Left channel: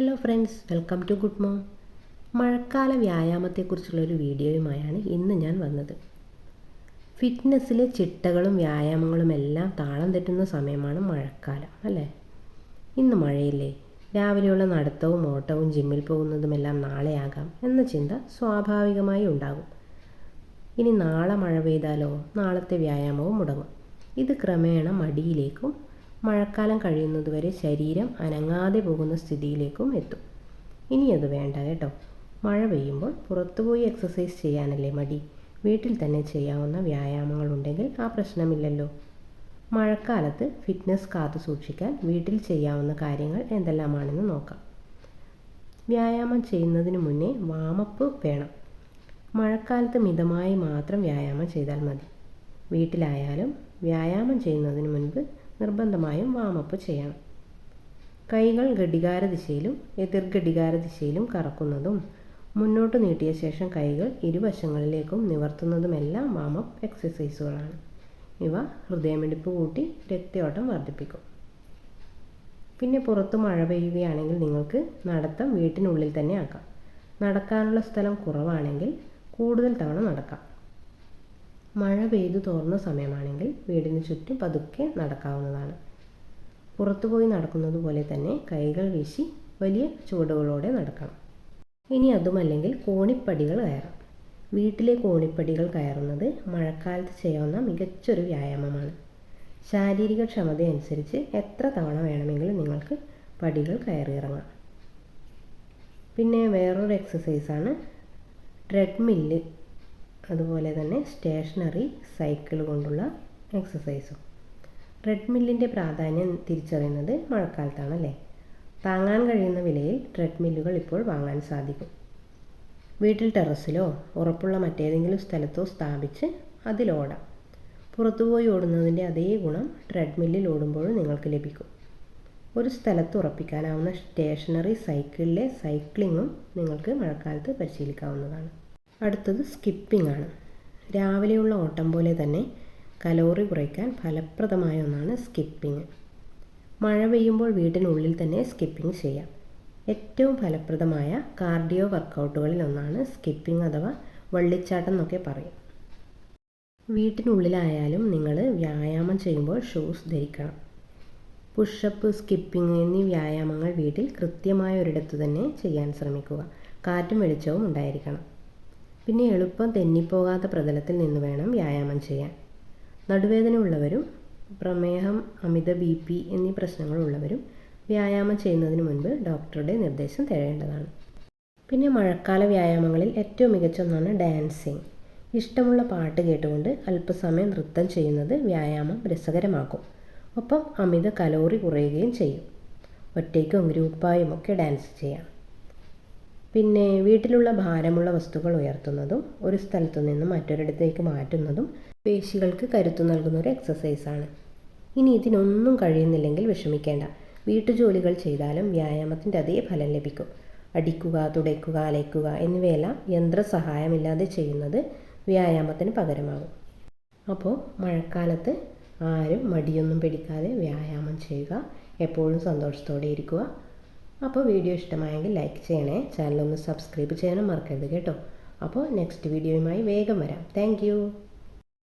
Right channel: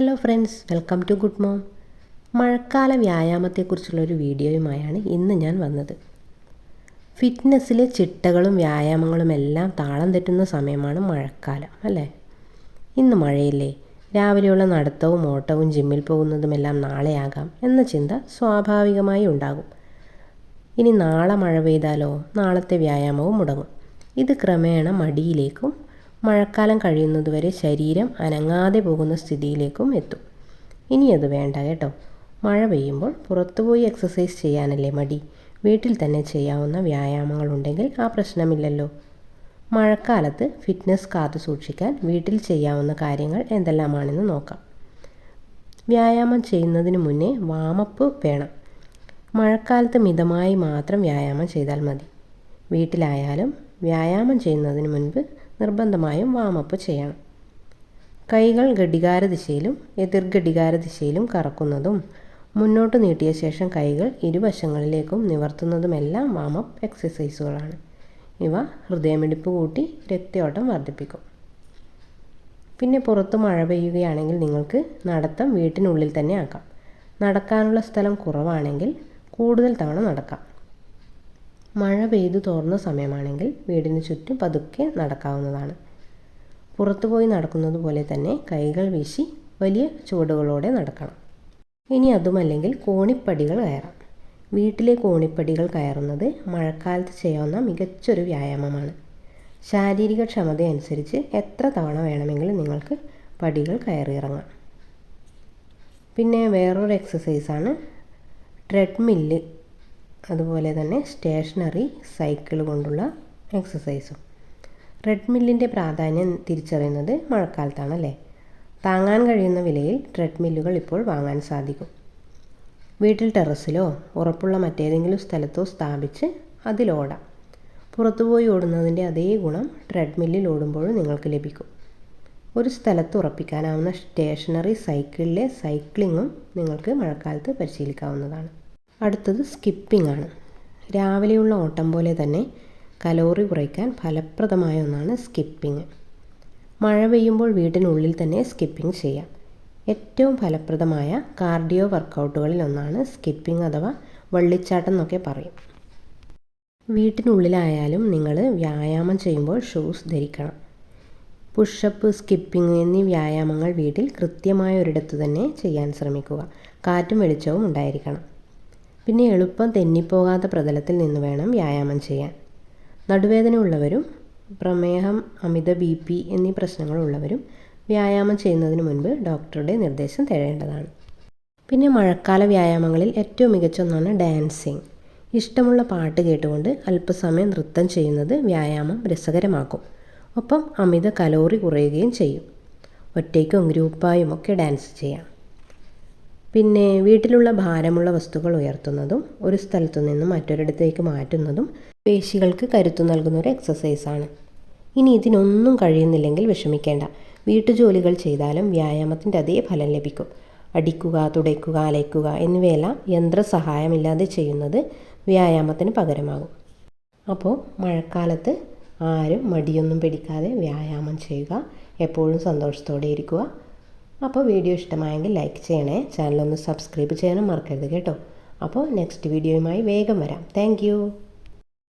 Hello friends, welcome to good mom. മഴക്കാല വ്യായാമത്തെക്കുറിച്ചുള്ളൊരു വീഡിയോയുമായാണ് ഇന്ന് ഞാൻ വന്നത്. ഫിറ്റ്നസ്സിലെ ചിട്ടകളും വ്യായാമങ്ങളും എല്ലാം താളം തെറ്റുന്ന സമയമാണ് മഴക്കാലം, അല്ലേ? ഇന്ന് മഴയില്ലേ, രാവിലെയുള്ള നടത്തവും ഓട്ടവും ജിമ്മിൽ പോകുന്നതുമെല്ലാം നാളെയാകാം എന്ന ചിന്ത സ്വാഭാവികമായി ഉണ്ടാകും. ഇനി നാളെ മഴ പെയ്താലോ, നാളത്തെ വ്യായാമവും മുടങ്ങും. ഇത് ക്രമേണ മടിയിലേക്കും മഴക്കാലം കഴിയുന്നതുവരെ ശരീരം അനങ്ങാതെ പോകുന്ന സ്ഥിതിയിലേക്കും എത്തും. ഇനി അത് വേണ്ട കേട്ടോ. മഴ പെയ്യുമ്പോൾ പുറത്തുപോയി എക്സസൈസ് ചെയ്യാനല്ലേ മടി. വീട്ടിൽ തന്നെ ചെയ്യാവുന്ന വ്യായാമങ്ങളുണ്ടെങ്കിൽ ആ പ്രശ്നമില്ലല്ലോ. മഴക്കാലത്ത് ഫിറ്റ്നസ് കാത്തു സൂക്ഷിക്കാൻ വീട്ടിൽ ചെയ്യാവുന്ന കാര്യങ്ങൾ എന്തെല്ലാമാണെന്ന് നോക്കാം. വ്യായാമം ചെയ്യുന്നതിന് മുന്നേ വാമപ്പ് വേണം. മഴക്കാലത്ത് മിതമായി മാത്രം വ്യായാമം ചെയ്താൽ മതി. വീട്ടിലായാലും വ്യായാമം ചെയ്യുന്നതിന് മുൻപ് നിർബന്ധമായും വാമപ്പ് ചെയ്യണം. കൈകൾ ഘടികാര ദിശയിലും എതിർ ഘടികാര ദിശയിലും കറക്കുന്നതും മുന്നോട്ട് നീട്ടിയ ശേഷം കൈകൾ ഇരുവശങ്ങളിലേക്കും നിവർത്തുന്നതുമെല്ലാം വാമപ്പ് എക്സസൈസുകളാണ്. ഇവ ഹൃദയമിടിപ്പ് കൂട്ടി രക്തയോട്ടം വർദ്ധിപ്പിക്കും. പിന്നെ പുറത്ത് മഴ പെയ്യുകയാണെങ്കിൽ നിങ്ങൾക്ക് നടത്തം വീട്ടിനുള്ളിൽ തന്നെ ആക്കാം. നടക്കാനുള്ള സ്ഥലം കുറവാണെങ്കിൽ കൂടുതൽ തവണ നടക്കാം. മഴ പെയ്തു തോർന്ന സമയമാണെങ്കിൽ വീടിന് ചുറ്റും പതുക്കെ നടക്കാവുന്നതാണ്. പുറത്തുപോയി നടക്കുന്നത് പോലെ തന്നെ കൈകൾ വീശി വലിയ ചുവടുകളോടെ നടക്കണം. ഇനി അതുമല്ലെങ്കിൽ കോണിപ്പടികൾ കയറാം. വീട്ടിലെ കോണിപ്പടികൾ കയറുന്നത് മഴക്കാലത്ത് ചെയ്യാവുന്ന മികച്ചൊരു വ്യായാമമാണ്. ശാരീരിക ക്ഷമതയനുസരിച്ച് എത്ര തവണ വേണമെങ്കിലും നിങ്ങൾക്ക് പടികൾ കയറിയിറങ്ങാം. പിന്നെ വേറൊരു എക്സസൈസാണ് ട്രെഡ്മില്ല്, അതുപോലെ തന്നെ സ്റ്റേഷനറി സൈക്കിൾ കൊണ്ടുള്ള എക്സസൈസും. ട്രെഡ്മില്ലിൻ്റെ പ്രാധാന്യം തിരിച്ചറിയുന്നത് മഴക്കാലത്താണല്ലേ. താങ്ങാൻ കഴിയുന്ന വിലയിൽ ട്രെഡ്മില്ലുകൾ ഇപ്പോൾ വാങ്ങാൻ സാധിക്കും. വീട്ടിൽ ടെറസിലോ ഉറപ്പുള്ള മറ്റേതെങ്കിലും സ്ഥലത്തോ സ്ഥാപിച്ച് അതിലോടാം. പുറത്തുപോയി ഓടുന്നതിൻ്റെ അതേ ഗുണം ട്രെഡ്മില്ലിൽ ഓടുമ്പോഴും നിങ്ങൾക്ക് ലഭിക്കും. ഒരു സ്ഥലത്ത് ഉറപ്പിക്കാനാവുന്ന സ്റ്റേഷനറി സൈക്കിളിലെ സൈക്ലിങ്ങും നിങ്ങൾക്ക് മഴക്കാലത്ത് പരിശീലിക്കാവുന്നതാണ്. അടുത്തത് സ്കിപ്പിംഗ് ആണ്. രാവിലെയുള്ള ഓട്ടം പോലെ തന്നെ കലോറി കുറയ്ക്കാൻ ഫലപ്രദമായ ഒന്നാണ് സ്കിപ്പിംഗ്. മഴ പെയ്യുമ്പോൾ വീട്ടിനുള്ളിൽ തന്നെ സ്കിപ്പിംഗ് ചെയ്യാം. ഏറ്റവും ഫലപ്രദമായ കാർഡിയോ വർക്കൗട്ടുകളിൽ ഒന്നാണ് സ്കിപ്പിംഗ് അഥവാ വള്ളിച്ചാട്ടം എന്നൊക്കെ പറയും. വീട്ടിനുള്ളിലായാലും നിങ്ങൾ വ്യായാമം ചെയ്യുമ്പോൾ ഷൂസ് ധരിക്കണം. പുഷപ്പ്, സ്കിപ്പിംഗ് എന്നീ വ്യായാമങ്ങൾ വീട്ടിൽ കൃത്യമായ ഒരിടത്ത് തന്നെ ചെയ്യാൻ ശ്രമിക്കുക. കാറ്റും വെളിച്ചവും ഉണ്ടായിരിക്കണം. പിന്നെ എളുപ്പം തെന്നിപ്പോകാത്ത പ്രതലത്തിൽ നിന്ന് വേണം വ്യായാമം ചെയ്യാൻ. നടുവേദന ഉള്ളവരും പ്രമേഹം, അമിത BP എന്നീ പ്രശ്നങ്ങളുള്ളവരും വ്യായാമം ചെയ്യുന്നതിന് മുൻപ് ഡോക്ടറുടെ നിർദ്ദേശം തേടേണ്ടതാണ്. പിന്നെ മഴക്കാല വ്യായാമങ്ങളിൽ ഏറ്റവും മികച്ച ഒന്നാണ് ഡാൻസിങ്. ഇഷ്ടമുള്ള പാട്ട് കേട്ടുകൊണ്ട് അല്പസമയം നൃത്തം ചെയ്യുന്നത് വ്യായാമം രസകരമാക്കും. ഒപ്പം അമിത കലോറി കുറയുകയും ചെയ്യും. ഒറ്റയ്ക്കും ഗ്രൂപ്പായും ഒക്കെ ഡാൻസ് ചെയ്യാം. പിന്നെ വീട്ടിലുള്ള ഭാരമുള്ള വസ്തുക്കൾ ഉയർത്തുന്നതും ഒരു സ്ഥലത്തു നിന്നും മറ്റൊരിടത്തേക്ക് മാറ്റുന്നതും പേശികൾക്ക് കരുത്തു നൽകുന്ന ഒരു എക്സസൈസാണ്. ഇനി ഇതിനൊന്നും കഴിയുന്നില്ലെങ്കിൽ വിഷമിക്കേണ്ട. വീട്ടുജോലികൾ ചെയ്താലും വ്യായാമത്തിൻ്റെ അതേ ഫലം ലഭിക്കും. അടിക്കുക, തുടയ്ക്കുക, അലയ്ക്കുക എന്നിവയെല്ലാം യന്ത്രസഹായമില്ലാതെ ചെയ്യുന്നത് വ്യായാമത്തിന് പകരമാകും. അപ്പോൾ മഴക്കാലത്ത് ആരും മടിയൊന്നും പിടിക്കാതെ വ്യായാമം ചെയ്യുക. എപ്പോഴും സന്തോഷത്തോടെ ഇരിക്കുക. അപ്പോൾ വീഡിയോ ഇഷ്ടമായെങ്കിൽ ലൈക്ക് ചെയ്യണേ. ചാനലൊന്ന് സബ്സ്ക്രൈബ് ചെയ്യാനും മറക്കരുത് കേട്ടോ. അപ്പോൾ നെക്സ്റ്റ് വീഡിയോയുമായി വേഗം വരാം. താങ്ക്